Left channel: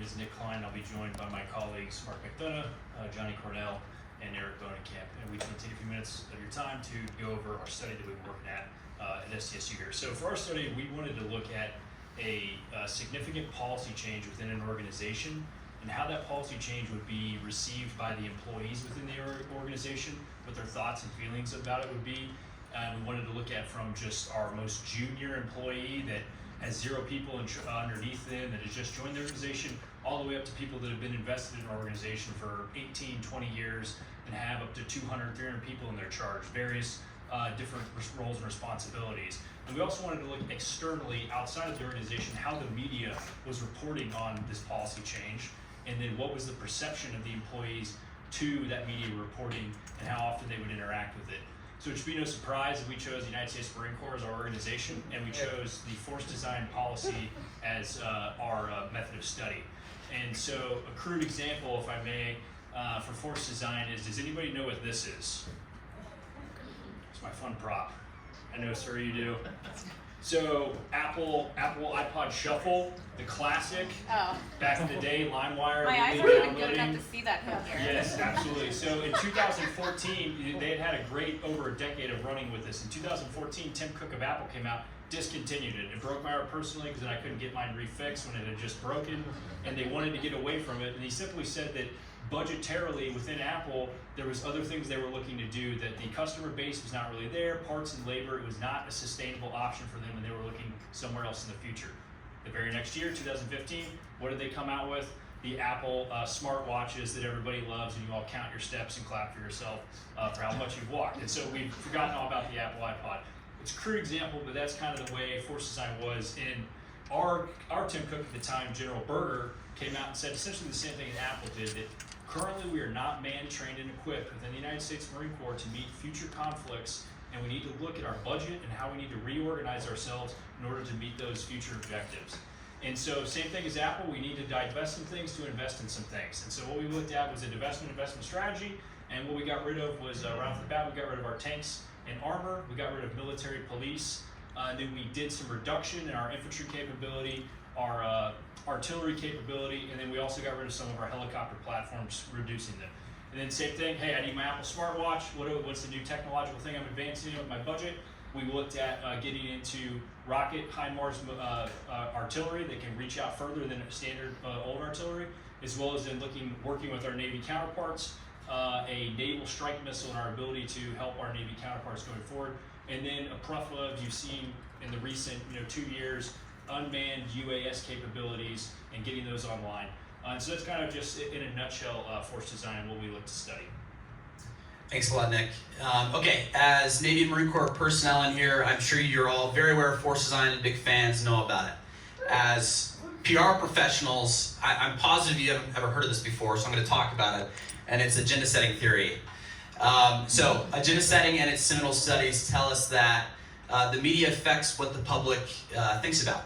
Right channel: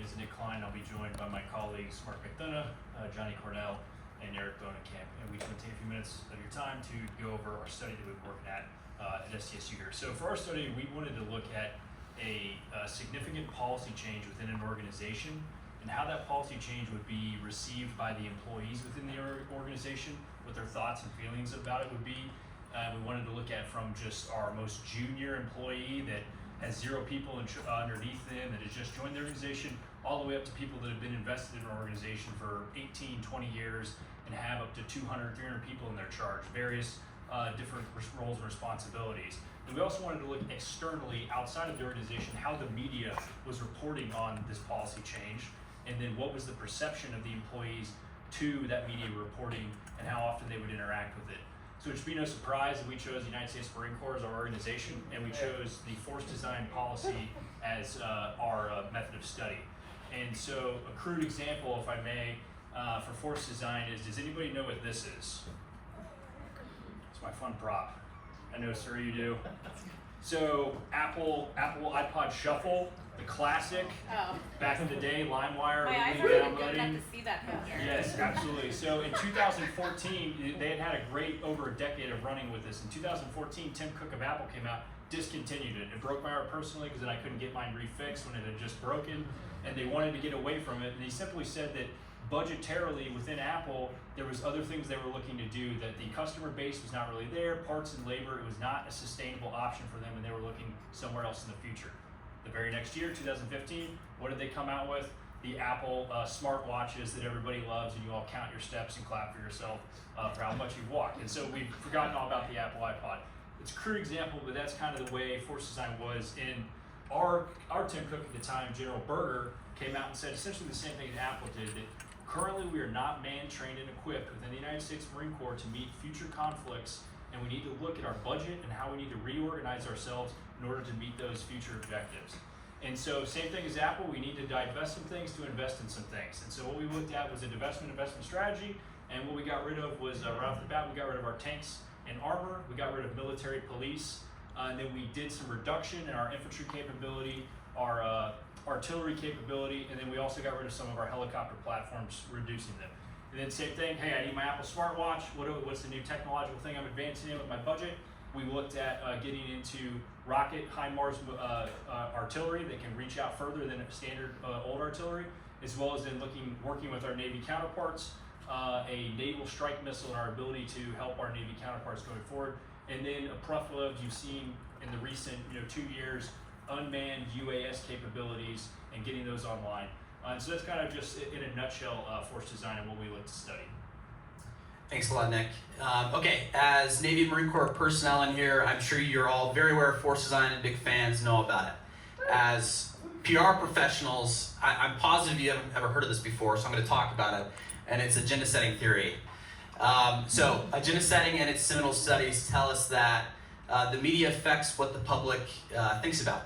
name is Nick Klein. I'll be joined by my colleagues Mark McDonough, Johnny Cornell, and Eric Bonenkamp. And we just want to take a few minutes of your time to go over our study that we've worked at SDSU here. So for our study, we wanted to look at a significant policy change within an organization and how that policy change would be received by the employees within the organization, what their thoughts and feelings about it would be. We wanted to look at from just our most junior employee that has 0 people underneath them that has just joined the organization, all the way up to people that have been invested in our organization for 18, 20 years and have up to 200, 300 people in their charge, various different roles and responsibilities. And we also wanted to look externally outside of the organization how the media was reporting on this policy change, and then what was the perception of the employees to that media reporting and how often they would interact with it. So it should be no surprise that we chose the United States Marine Corps as our organization, and we chose the force design policy as our method of study. And so a crude example, if I may, for force design is, does anybody know what this is? It's my fun prop. I know, sir, you do. So Apple iPod Shuffle, the classic, back in the day, LimeWire, my eyes really are good downloading. enough to see that from here. Yes, absolutely. So in 2014, they had a great over a decade of running with this. In 2014, Tim Cook of Apple came out, discontinued it. It broke my heart personally because I couldn't get mine refixed when it had just broken, and they wanted to get away from it. And he simply said that budgetarily within Apple, there was other things they were looking to do, that the customer base was not really there, parts and labor, it was not a sustainable option for them, and they were looking somewhere else in the future. The very next year, 2015, what did they come out with? The Apple smart watches that everybody loves, and you all count your steps and clap for yourself for how much you've walked. And so we've forgotten all about the Apple iPod. It's a crude example, but that's kind of the way force design was. In our Tim Cook at the time, General Berger, came out and said essentially the same thing that Apple did, that currently we are not manned, trained, and equipped within the United States Marine Corps to meet future conflicts, and we need to look at our budget and how we need to reorganize ourselves in order to meet those future objectives. And so same thing as Apple, we need to divest some things to invest in some things. And so what we looked at was a divestment investment strategy, and what we got rid of was, right off the bat, we got rid of our tanks and armor, we got rid of military police, and then we did some reduction in our infantry capability, our artillery capability, and then we also got rid of some of our helicopter platforms, reducing them. And then same thing, hey, I need my Apple smartwatch, what's the new technological thing I'm advancing in with my budget? We looked at getting into rocket HIMARS artillery that can reach out further than standard old artillery, as well as then working with our Navy counterparts, a naval strike missile and our ability to help our Navy counterparts going forward. And then a plethora of, you've seen in the recent 2 years, unmanned UAS capabilities and getting those online. And so that's kind of just in a nutshell force design and what we look to study. Thanks a lot, Nick. Okay, as Navy and Marine Corps personnel in here, I'm sure you're all very aware of force design and big fans, know about it. As PR professionals, I'm positive you haven't ever heard of this before, so I'm going to talk about it, and it's agenda setting theory. So agenda setting and its seminal studies tell us that the media affects what the public thinks about.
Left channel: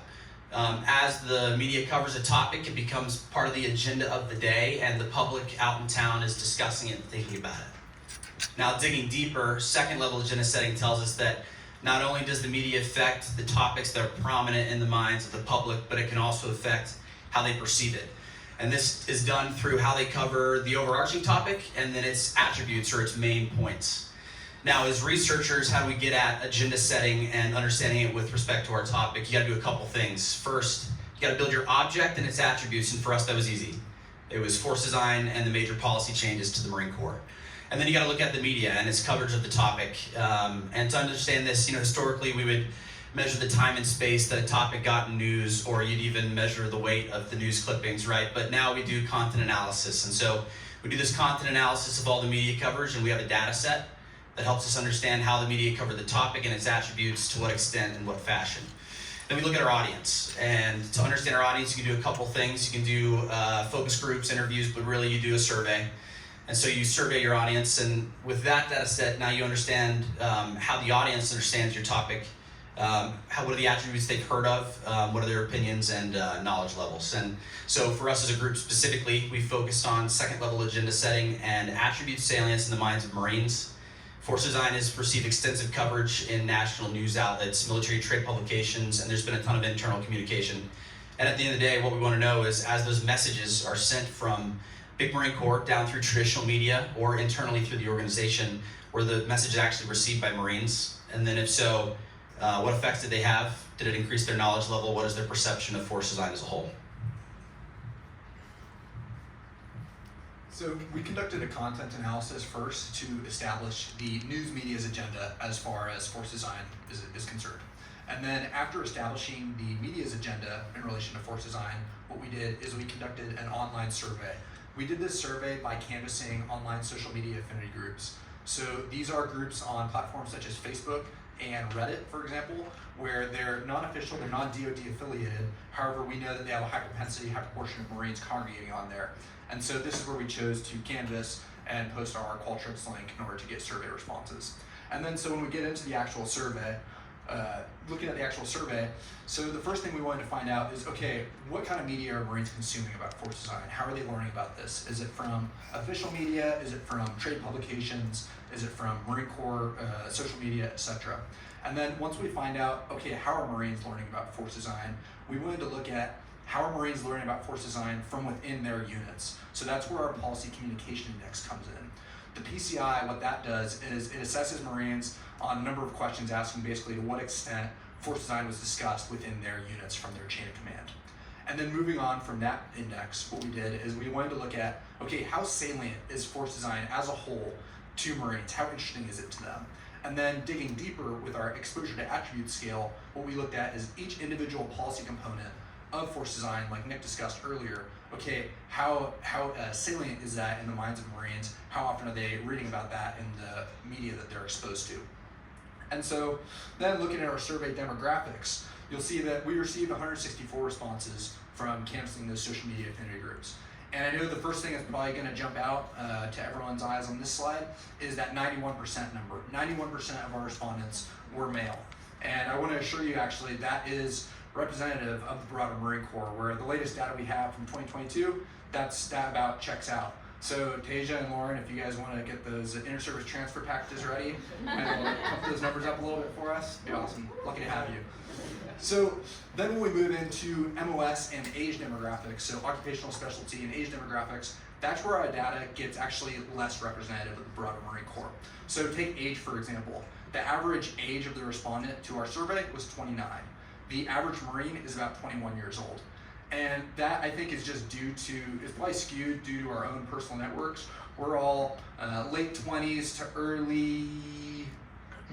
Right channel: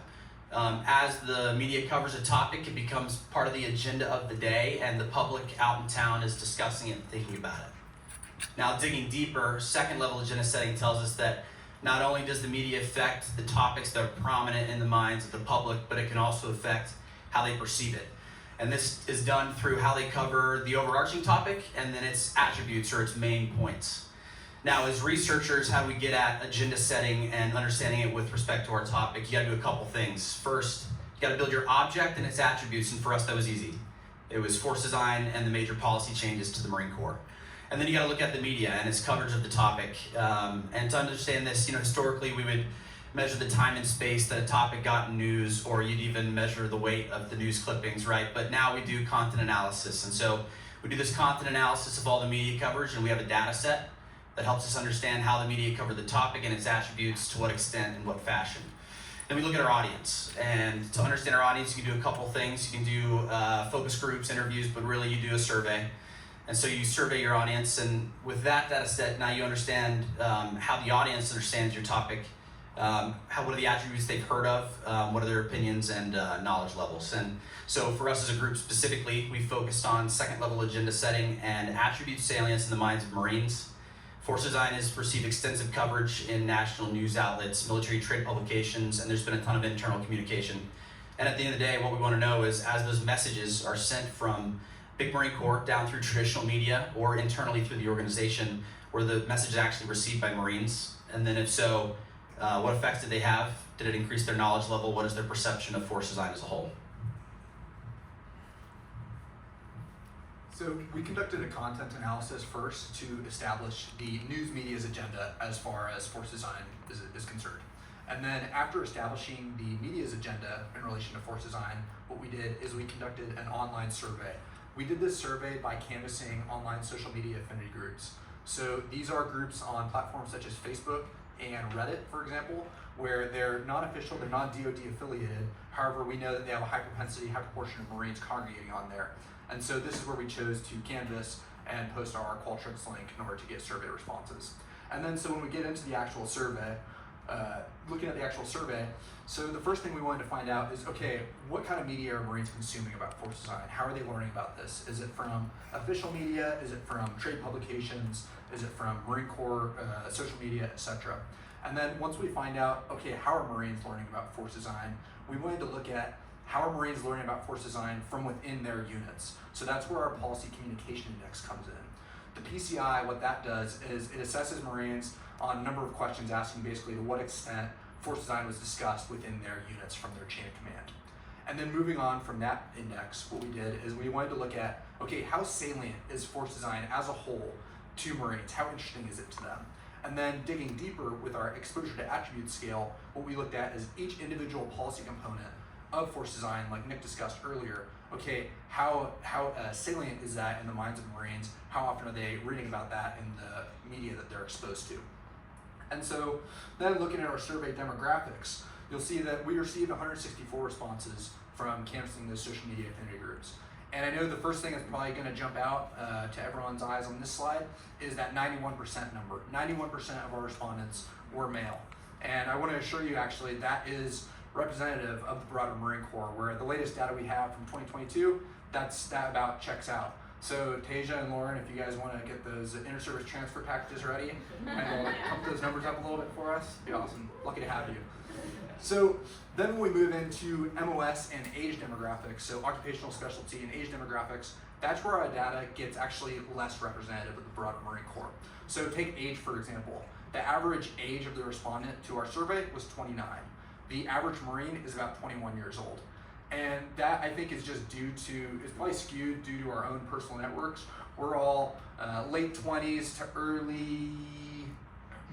As the media covers a topic, it becomes part of the agenda of the day, and the public out in town is discussing it and thinking about it. Now, digging deeper, second level agenda setting tells us that not only does the media affect the topics that are prominent in the minds of the public, but it can also affect how they perceive it. And this is done through how they cover the overarching topic and then its attributes or its main points. Now, as researchers, how do we get at agenda setting and understanding it with respect to our topic? You gotta do a couple things. First, you gotta build your object and its attributes, and for us that was easy. It was force design and the major policy changes to the Marine Corps. And then you gotta look at the media and its coverage of the topic. And to understand this, historically we would measure the time and space that a topic got in news, or you'd even measure the weight of the news clippings, right? But now we do content analysis. And so we do this content analysis of all the media coverage, and we have a data set that helps us understand how the media covered the topic and its attributes, to what extent and what fashion. Then we look at our audience, and to understand our audience, you can do a couple things. You can do focus groups, interviews, but really you do a survey. And so you survey your audience, and with that data set, now you understand how the audience understands your topic, what are the attributes they've heard of, what are their opinions and knowledge levels. And so for us as a group specifically, we focused on second level agenda setting and attribute salience in the minds of Marines. Force design has received extensive coverage in national news outlets, military trade publications, and there's been a ton of internal communication And at the end of the day, what we want to know is, as those messages are sent from Big Marine Corps down through traditional media or internally through the organization, were the messages actually received by Marines? And then if so, what effects did they have? Did it increase their knowledge level? What is their perception of force design as a whole? So we conducted a content analysis first to establish the news media's agenda as far as force design is concerned. And then after establishing the media's agenda in relation to force design, what we did is we conducted an online survey. We did this survey by canvassing online social media affinity groups. So these are groups on platforms such as Facebook and Reddit, for example, where they're non-official, they're non-DoD affiliated. However, we know that they have a high propensity, high proportion of Marines congregating on there. And so this is where we chose to canvass and post our Qualtrics link in order to get survey responses. And then so when we get into the actual survey, looking at the actual survey, so the first thing we wanted to find out is, okay, what kind of media are Marines consuming about force design? How are they learning about this? Is it from official media? Is it from trade publications? Is it from Marine Corps social media, etc.? And then once we find out, okay, how are Marines learning about force design, we wanted to look at how are Marines learning about force design from within their units. So that's where our policy communication index comes in. The PCI, what that does is it assesses Marines on a number of questions, asking basically to what extent force design was discussed within their units from their chain of command. And then moving on from that index, what we did is we wanted to look at, okay, how salient is force design as a whole to Marines? How interesting is it to them? And then digging deeper with our exposure to attribute scale, what we looked at is each individual policy component of force design, like Nick discussed earlier. Okay, how salient is that in the minds of Marines? How often are they reading about that in the media that they're exposed to? And so then looking at our survey demographics, you'll see that we received 164 responses from canvassing those social media affinity groups. And I know the first thing that's probably going to jump out to everyone's eyes on this slide is that 91% number. 91% of our respondents were male. And I want to assure you actually that is representative of the broader Marine Corps, where the latest data we have from 2022, that about checks out. So Tasia and Lauren, if you guys want to get those inter-service transfer packages ready, and we'll pump those numbers up a little bit for us, it'd be awesome. Lucky to have you. So then when we move into MOS and age demographics, so occupational specialty and age demographics, that's where our data gets actually less representative of the broader Marine Corps. So take age, for example. The average age of the respondent to our survey was 29. The average Marine is about 21 years old. And that, I think, is just due to, it's probably skewed due to our own personal networks. We're all late 20s to early,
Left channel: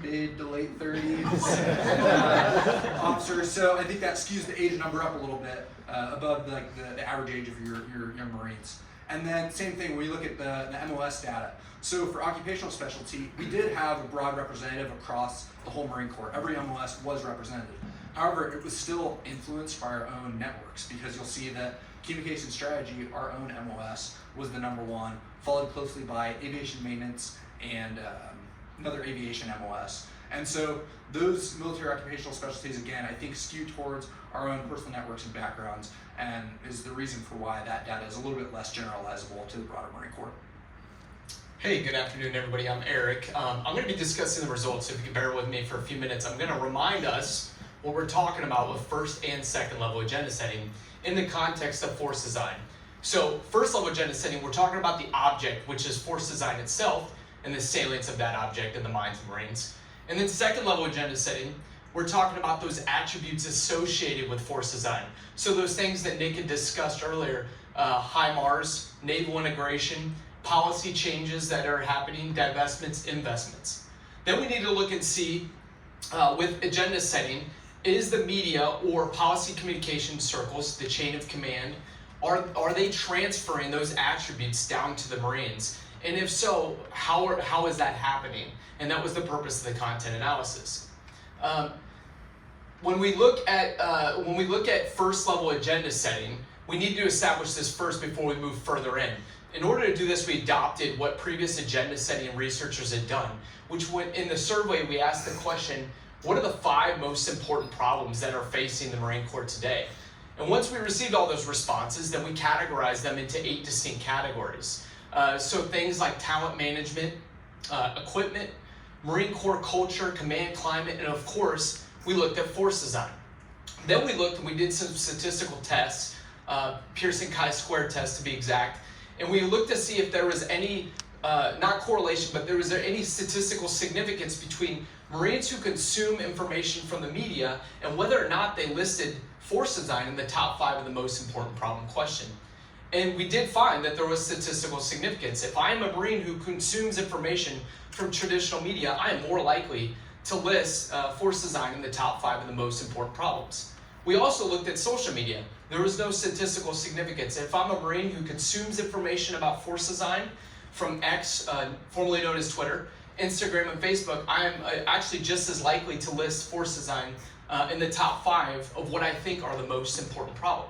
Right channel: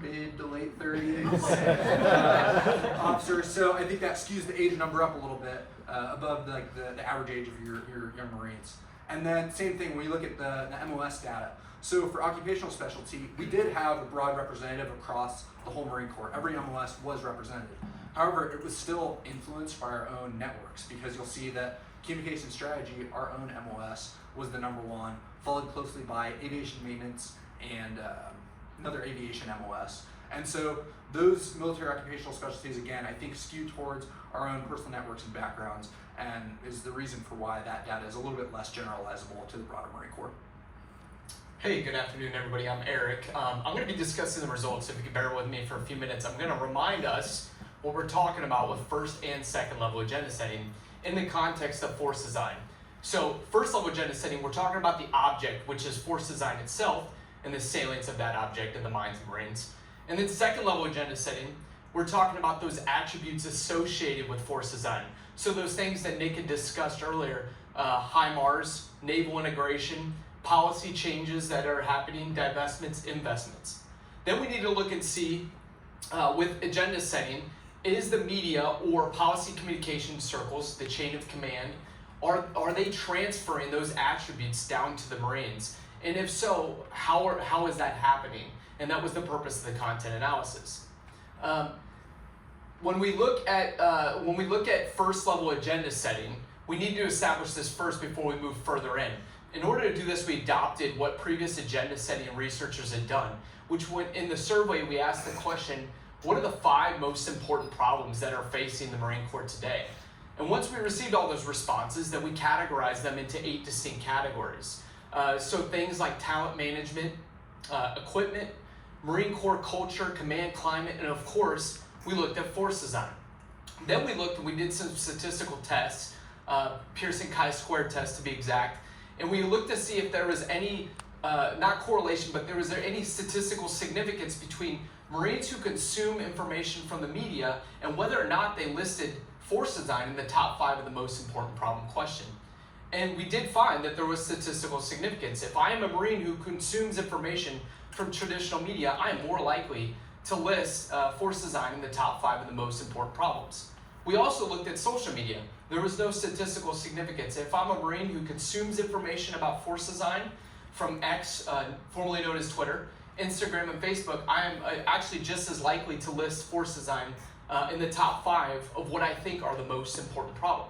mid to late 30s officers. So I think that skews the age number up a little bit above the average age of your young Marines. And then same thing when you look at the MOS data. So for occupational specialty, we did have a broad representative across the whole Marine Corps. Every MOS was represented. However, it was still influenced by our own networks, because you'll see that communication strategy, our own MOS, was the #1, followed closely by aviation maintenance and another aviation MOS. And so those military occupational specialties, again, I think skew towards our own personal networks and backgrounds, and is the reason for why that data is a little bit less generalizable to the broader Marine Corps. Hey, good afternoon, everybody. I'm Eric. I'm going to be discussing the results, so if you can bear with me for a few minutes. I'm going to remind us what we're talking about with first and second level agenda setting in the context of force design. So first level agenda setting, we're talking about the object, which is force design itself, and the salience of that object in the minds of Marines. And then second level agenda setting, we're talking about those attributes associated with force design. So those things that Nick had discussed earlier, HIMARS, naval integration, policy changes that are happening, divestments, investments. Then we need to look and see, with agenda setting, is the media or policy communication circles, the chain of command, are they transferring those attributes down to the Marines? And if so, how is that happening? And that was the purpose of the content analysis. When we look at first level agenda setting, we need to establish this first before we move further in. In order to do this, we adopted what previous agenda setting researchers had done, which in the survey we asked the question, what are the 5 most important problems that are facing the Marine Corps today? And once we received all those responses, then we categorized them into 8 distinct categories. So things like talent management, equipment, Marine Corps culture, command climate, and of course, we looked at force design. Then we looked and we did some statistical tests, Pearson chi-square test to be exact, and we looked to see if there was any, not correlation, but there was any statistical significance between Marines who consume information from the media and whether or not they listed force design in the top 5 of the most important problem question. And we did find that there was statistical significance. If I am a Marine who consumes information from traditional media, I am more likely to list force design in the top 5 of the most important problems. We also looked at social media. There was no statistical significance. If I'm a Marine who consumes information about force design from X, formerly known as Twitter, Instagram, and Facebook, I'm actually just as likely to list force design in the top 5 of what I think are the most important problem.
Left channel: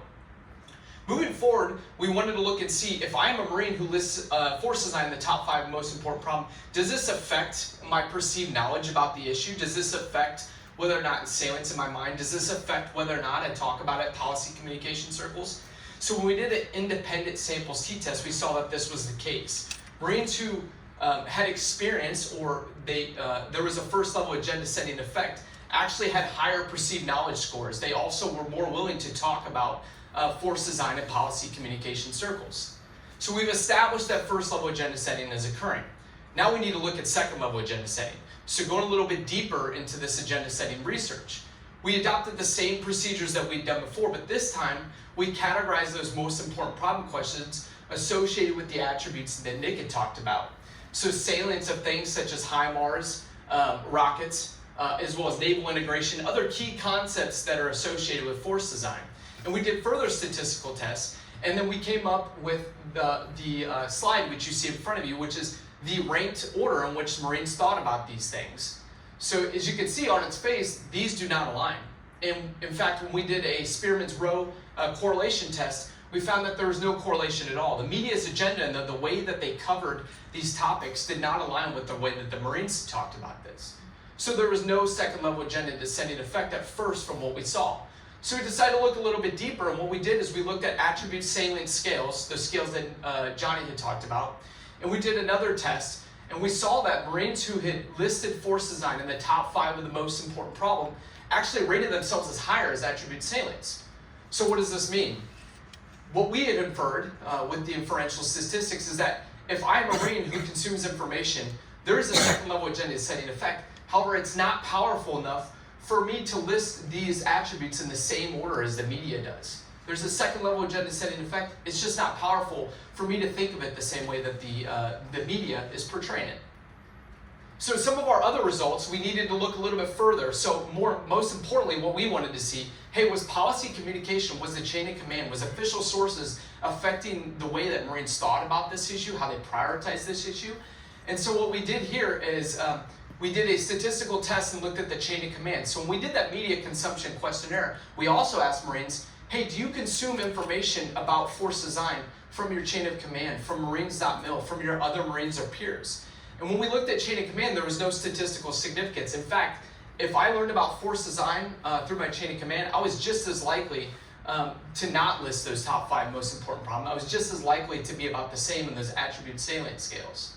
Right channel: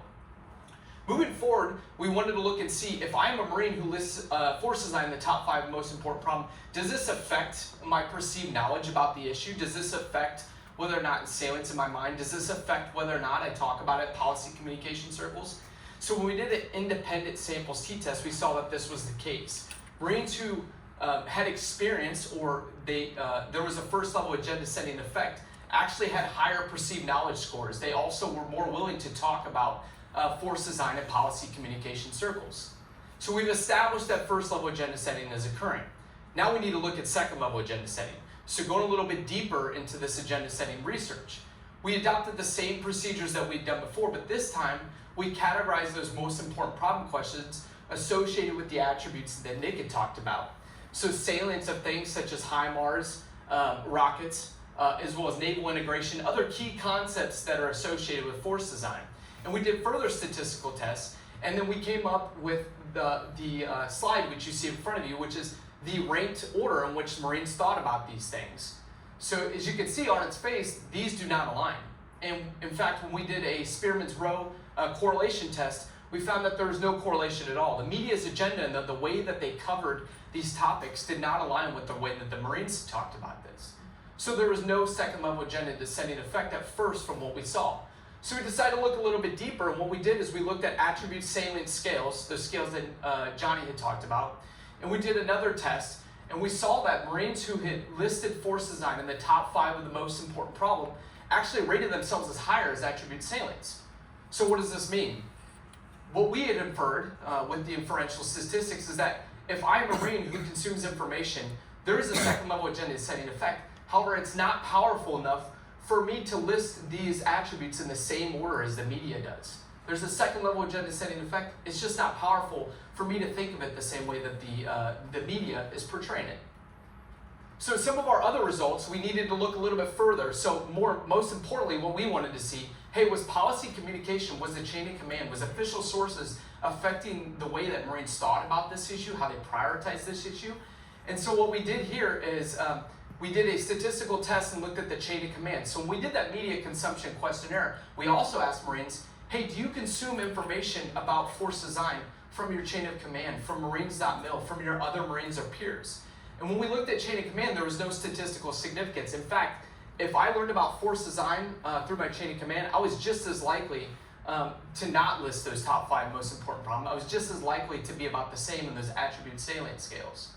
Moving forward, we wanted to look and see if I'm a Marine who lists force design in the top 5 most important problem, does this affect my perceived knowledge about the issue? Does this affect whether or not it's salient in my mind? Does this affect whether or not I talk about it in policy communication circles? So when we did an independent samples t-test, we saw that this was the case. Marines who had experience or there was a first level agenda setting effect actually had higher perceived knowledge scores. They also were more willing to talk about force design in policy communication circles. So we've established that first level agenda setting is occurring. Now we need to look at second level agenda setting. So going a little bit deeper into this agenda setting research, we adopted the same procedures that we'd done before, but this time we categorized those most important problem questions associated with the attributes that Nick had talked about. So salience of things such as HIMARS, rockets, as well as naval integration, other key concepts that are associated with force design. And we did further statistical tests, and then we came up with the slide which you see in front of you, which is the ranked order in which Marines thought about these things. So as you can see on its face, these do not align. And in fact, when we did a Spearman's Row correlation test, we found that there was no correlation at all. The media's agenda and the way that they covered these topics did not align with the way that the Marines talked about this. So there was no second level agenda descending effect at first from what we saw. So we decided to look a little bit deeper, and what we did is we looked at attribute salient scales, the scales that Johnny had talked about, and we did another test, and we saw that Marines who had listed force design in the top 5 of the most important problem actually rated themselves as higher as attribute salience. So what does this mean? What we had inferred with the inferential statistics is that if I'm a Marine who consumes information, there is a second level agenda setting effect. However, it's not powerful enough for me to list these attributes in the same order as the media does. There's a second level agenda setting effect. It's just not powerful for me to think of it the same way that the media is portraying it. So some of our other results, we needed to look a little bit further. So most importantly, what we wanted to see, hey, was policy communication, was the chain of command, was official sources affecting the way that Marines thought about this issue, how they prioritize this issue? And so what we did here is we did a statistical test and looked at the chain of command. So when we did that media consumption questionnaire, we also asked Marines, hey, do you consume information about force design from your chain of command, from Marines.mil, from your other Marines or peers? And when we looked at chain of command, there was no statistical significance. In fact, if I learned about force design through my chain of command, I was just as likely to not list those top 5 most important problems. I was just as likely to be about the same in those attribute salient scales.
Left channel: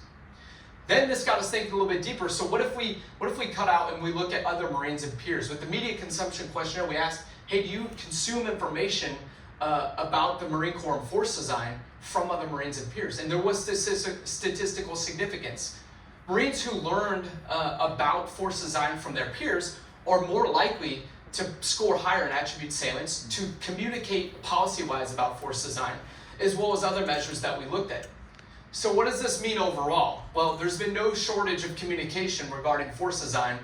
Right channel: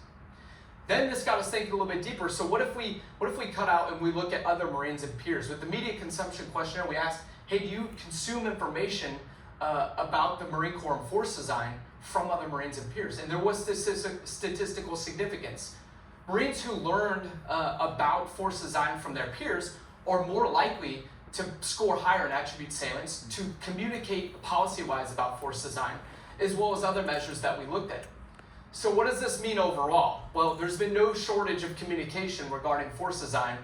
Then this got us thinking a little bit deeper. So what if we cut out and we look at other Marines and peers? With the media consumption questionnaire, we asked, hey, do you consume information about the Marine Corps and force design from other Marines and peers? And there was statistical significance. Marines who learned about force design from their peers are more likely to score higher in attribute salience, to communicate policy-wise about force design, as well as other measures that we looked at. So what does this mean overall? Well, there's been no shortage of communication regarding force design,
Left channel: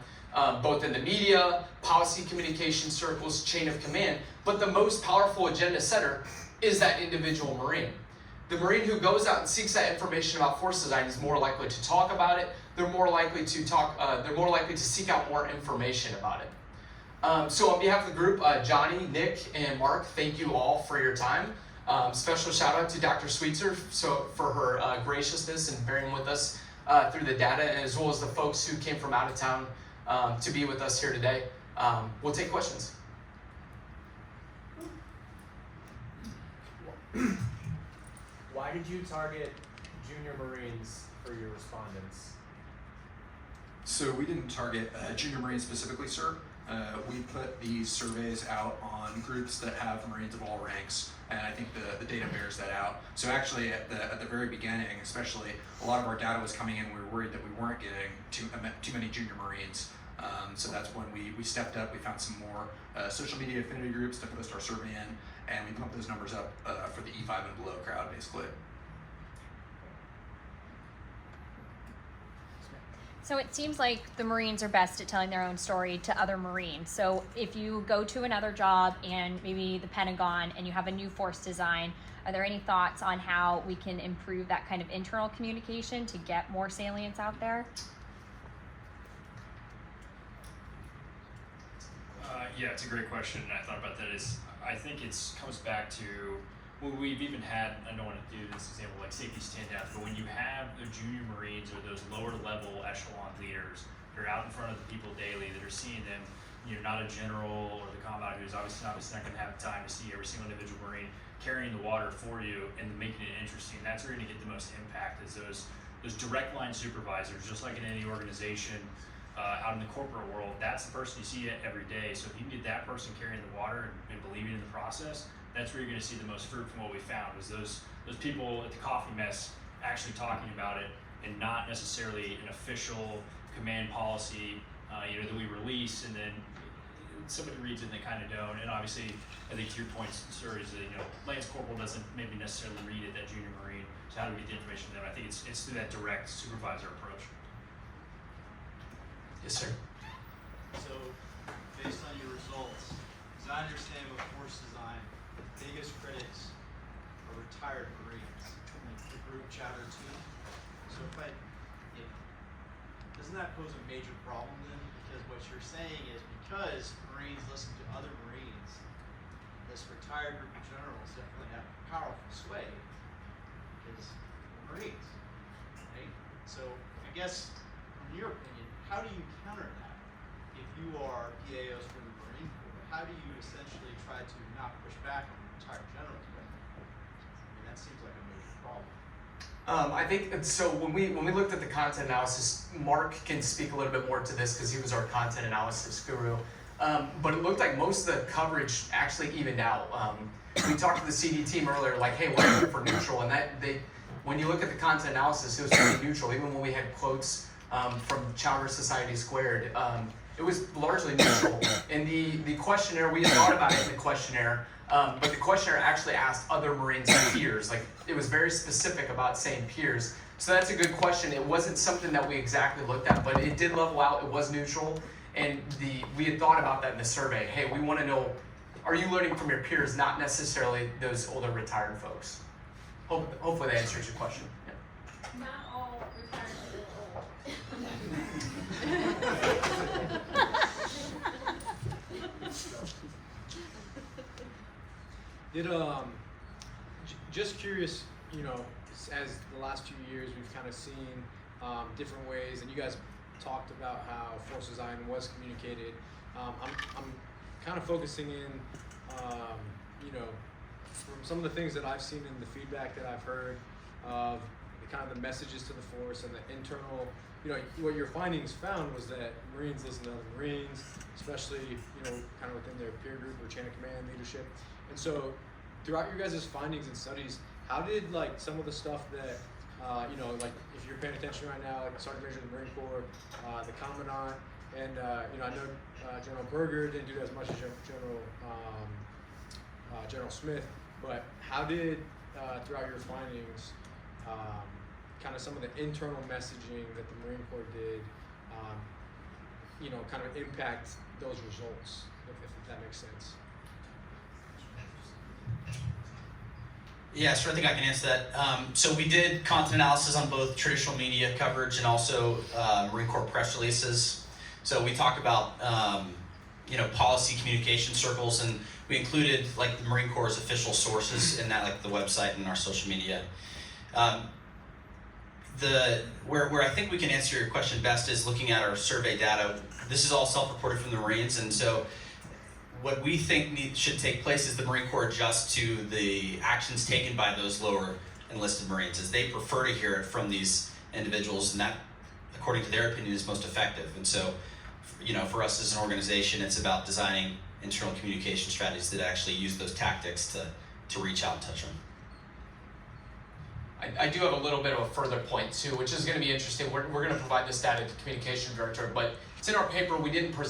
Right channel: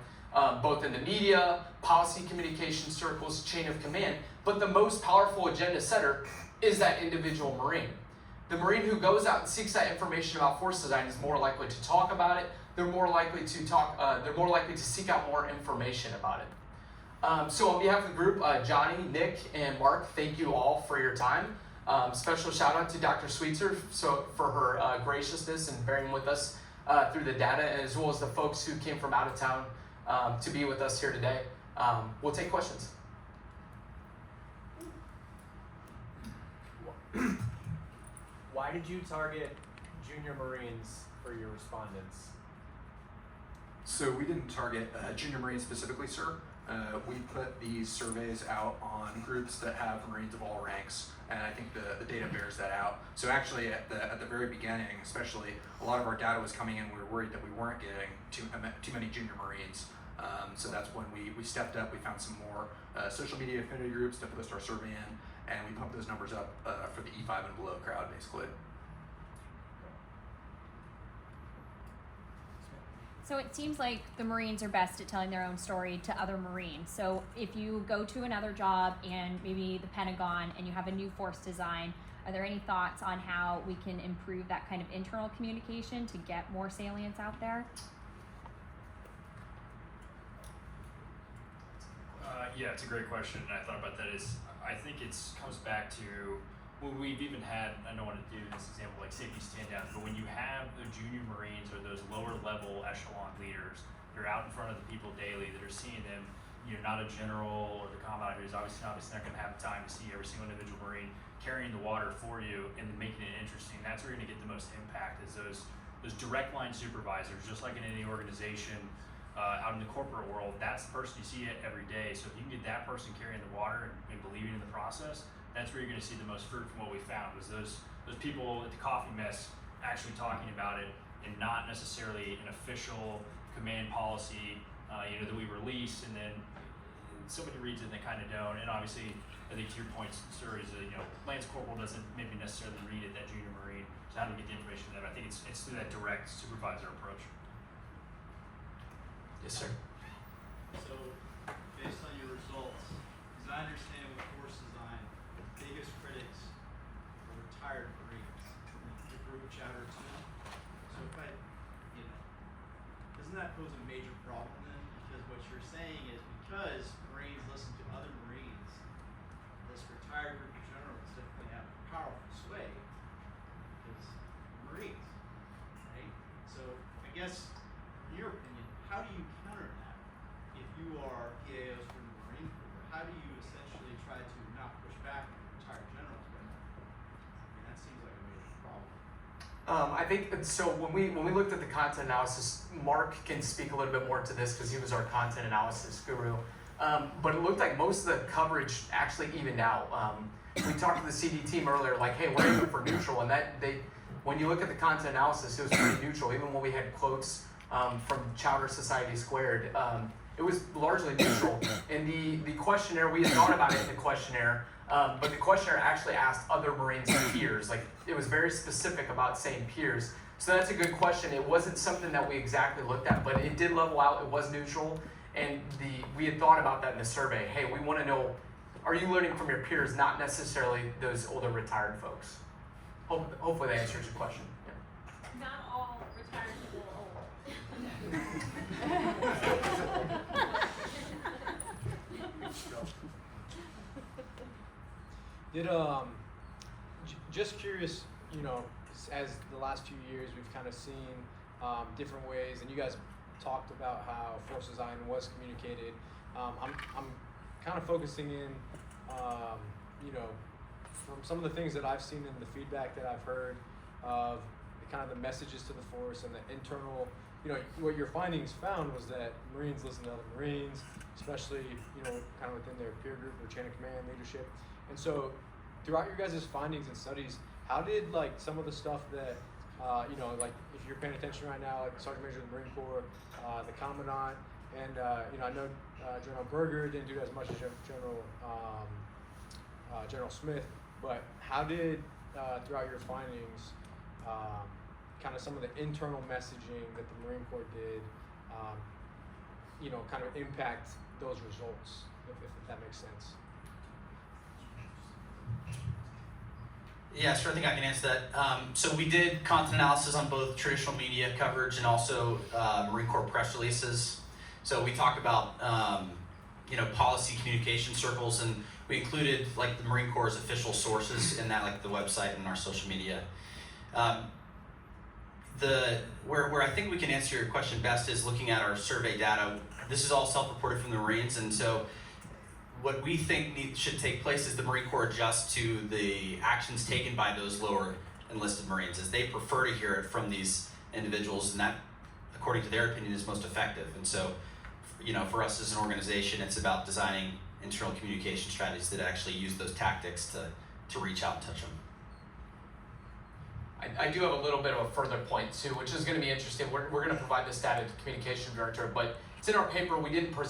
both in the media, policy communication circles, chain of command, but the most powerful agenda setter is that individual Marine. The Marine who goes out and seeks that information about force design is more likely to talk about it. They're more likely to seek out more information about it. So on behalf of the group, Johnny, Nick, and Mark, thank you all for your time. Special shout out to Dr. Sweetser for her graciousness and bearing with us through the data, as well as the folks who came from out of town to be with us here today. We'll take questions. Why did you target junior Marines for your respondents? So we didn't target junior Marines specifically, sir. we put these surveys out on groups that have Marines of all ranks, and I think the data bears that out. So actually at the very beginning, especially, a lot of our data was coming in, we were worried that we weren't getting too many junior Marines. So that's when we stepped up, we found some more social media affinity groups to post our survey in, and we pumped those numbers up for the E5 and below crowd, basically. So it seems like the Marines are best at telling their own story to other Marines. So if you go to another job and maybe the Pentagon and you have a new force design, are there any thoughts on how we can improve that kind of internal communication to get more salients out there? Yeah, it's a great question, and I thought about that. I think it comes back to, well, we've even had, I don't want to do this example like safety stand-downs, but when you have the junior Marines or those lower level echelon leaders that are out in front of the people daily, that are seeing them, you're not a general or the combat who's obviously not going to have time to see every single individual Marine carrying the water for you and making it interesting. That's where you're going to get the most impact, is those direct line supervisors, just like in any organization. Out in the corporate world, that's the person you see every day. So if you can get that person carrying the water and believing in the process, that's where you're going to see the most fruit from what we found, is those people at the coffee mess actually talking about it, and not necessarily an official command policy that we release and then somebody reads it and they kind of don't. And obviously, I think to your point, sir, is that Lance Corporal doesn't maybe necessarily read it, that junior Marine. So how do we get the information there? I think it's through that direct supervisor approach. Yes, sir. So, based on your results, as I understand with force design, the biggest critics are retired Marines, like the group Chapter 2. So doesn't that pose a major problem then? Because what you're saying is, because Marines listen to other Marines, this retired group of generals definitely have powerful sway because Marines, right? So I guess, in your opinion, how do you counter that? If you are PAOs from the Marine Corps, how do you essentially try to not push back on retired generals? But that seems like a major problem. I think so. When we looked at the content analysis, Mark can speak a little bit more to this because he was our content analysis guru. But it looked like most of the coverage actually evened out. We talked to the CD team earlier, like, hey, we're looking for neutral, and when you look at the content analysis, it was pretty neutral. Even when we had quotes from Chowder Society Squared, it was largely neutral. In the questionnaire, we had thought about it in the questionnaire, but the questionnaire actually asked other Marines and peers. Like, it was very specific about saying peers. So that's a good question. It wasn't something that we exactly looked at, but it did level out. It was neutral, and we had thought about that in the survey. Hey, we want to know, are you learning from your peers, not necessarily those older retired folks? Hopefully that answers your question. Not all retired people are old. Just curious, as the last few years we've kind of seen different ways, and you guys talked about how force design was communicated. I'm kind of focusing in, from some of the things that I've seen in the feedback that I've heard of the messages to the force and the internal. What your findings found was that Marines listen to other Marines, especially kind of within their peer group or chain of command leadership. And so, throughout your guys' findings and studies, how did some of the stuff that like if you're paying attention right now, like Sergeant Major of the Marine Corps, the Commandant, and I know General Berger didn't do as much as General Smith, but how did throughout your findings, kind of some of the internal messaging that the Marine Corps did, kind of impact those results, if that makes sense? Yeah, sure. I think I can answer that. So we did content analysis on both traditional media coverage and also Marine Corps press releases. So we talked about policy communication circles, and we included like the Marine Corps' official sources in that, like the website and our social media. Where I think we can answer your question best is looking at our survey data. This is all self-reported from the Marines, and so what we think should take place is the Marine Corps adjust to the actions taken by those lower enlisted Marines, as they prefer to hear it from these individuals, and that, according to their opinion, is most effective. And so for us as an organization, it's about designing internal communication strategies that actually use those tactics to reach out and touch them. I do have a little bit of a further point too, which is going to be interesting. We're going to provide this data to the communication director, but it's in our paper. We didn't present